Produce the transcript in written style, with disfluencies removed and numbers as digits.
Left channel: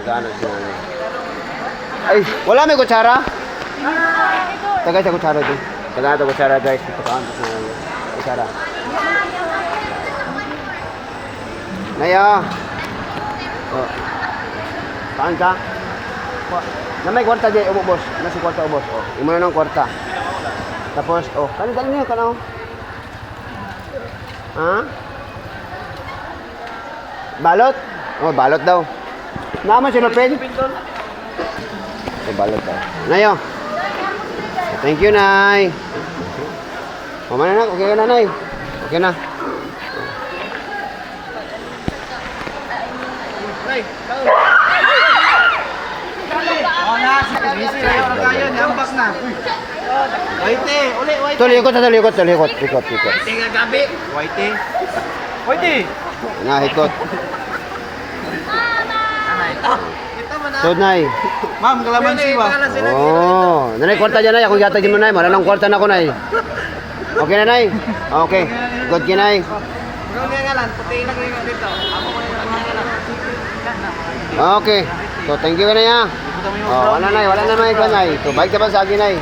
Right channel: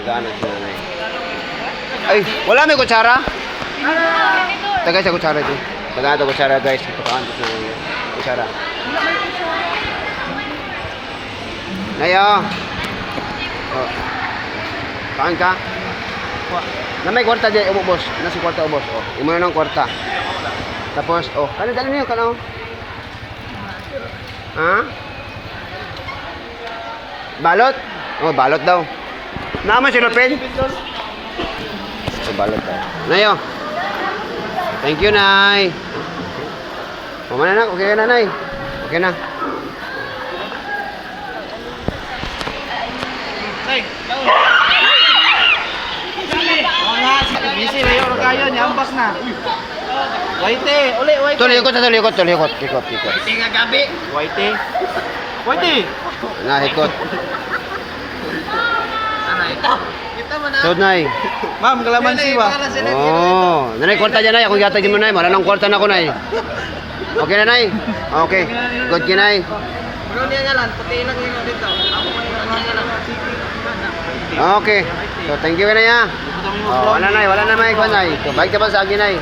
Nag-ano si nanay. Ay, wala may kutsara? Tagay sa kutsara ito. Tagay sa kutsara guys. Pagkaan sa nanay. Kutsara. Nayo. Oh. Kain ka? Na may kwarta dyan, boss. Nasi kwarta, boss. Oh, imo na ng kwarta. Tapos, oh, dali niyo kanaw. Ha? Balot? Oh, balot daw. Naman si Lopez? So, balot daw. Nayo. Thank you, Nay. Mama na, okay na, Nay. Okay na. Nay, busy na yung kayo, nyambas na. Waite, uli, waite. Tulikot. Ikot. Waite nga gabi. Waite. Waite. Nga, ikot. Anay. Kita mo na. So, Nay. Ma'am, kalamansi ba? Oh, nanay kwarta dyan, Nay. Ako gatagin mo, Nay. Maraming kwarta na ako, Nay. Okay na, Nay? Okay. Good ka, Nay. Bro, niya nga lang. Puti lang yung dito. Ako mo niya nga lang. Okay. So, thank you ka na, ya. Oh, wala na, Nay. So, balik ka pa sa akin, Nay.